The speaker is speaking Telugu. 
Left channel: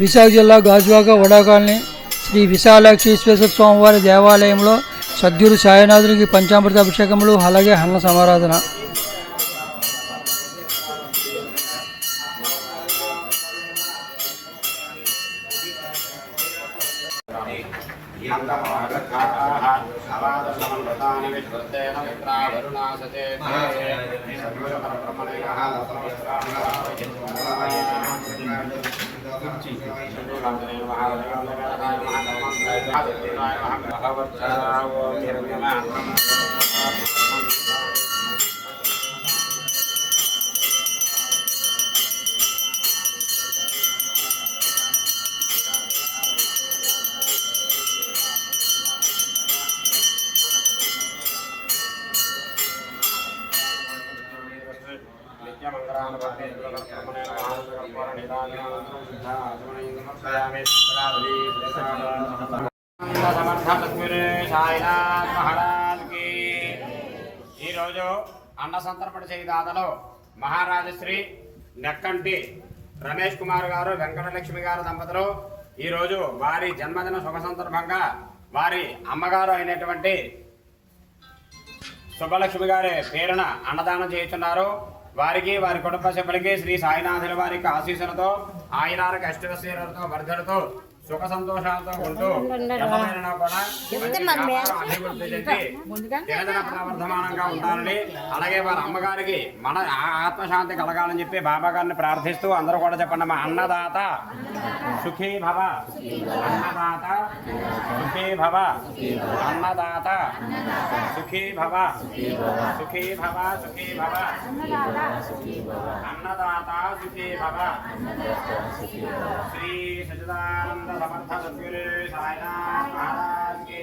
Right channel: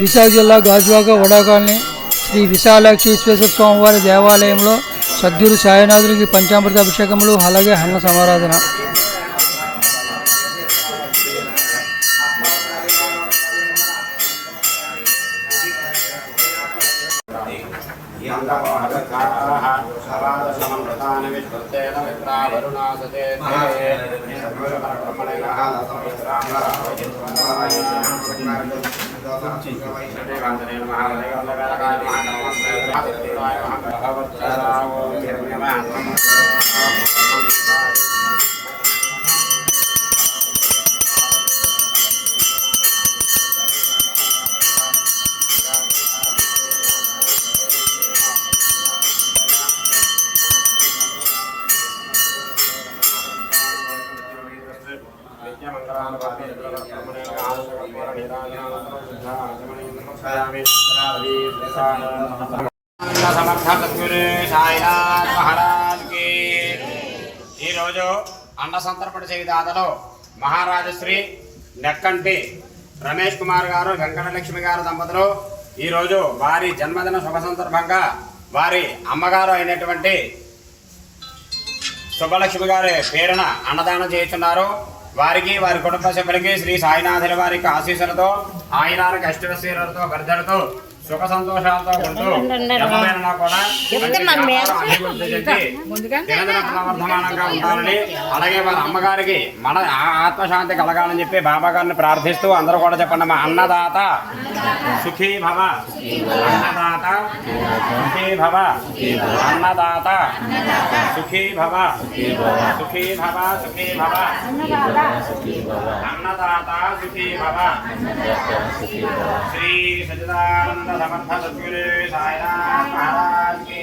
విశాఖ జిల్లా గాజువాక వడాకాలనీ శ్రీ విశాలాక్షీశ్వర స్వామివారి దేవాలయంలో సద్గురు సాయినాథునికి పంచామృత అభిషేకములు అలాగే అన్న సమారాధన. ఈరోజు అన్న సంతర్పణ చేయుదాతలో మహారాజశ్రీ నెక్కంటి రమేష్ కుమార్ గారు వెంకటలక్ష్మి గారు దంపతులు ఈరోజు వారి జన్మదిన శుభ సందర్భంగా వారి అమ్మగారు అయినటువంటి శుభలక్ష్మి గారి పేరున అన్నదానం చేస్తున్నారు. వారికి వారి కుటుంబ సభ్యులకి శ్రీ సాయినాథుల వారికి ఆశీస్సులతో ఆయురానికి అష్టవశీలతో వర్ధలతో సుఖ సంతోషాలతో ఉంటూ ఎవరైనా కూడా వర్ధమానంగా ఉండాలని అలాగే వారి అమ్మగారికి మన ఆత్మశాంతి కలగాలని చెప్పి బాబా గారిని ప్రార్థిస్తూ అందరూ కూడా చెప్పండి. మా అన్నదాత సుఖీ భవ, అన్నదాత సుఖీ భవ, అన్నదాత సుఖీ భవ, సుఖీ భవ, సుఖీ భవ, అన్నదాత సుఖీ భవ. శ్రీ సచిదానంద సమర్థ సద్గురు సాయినాథ్ మహారాజ్ की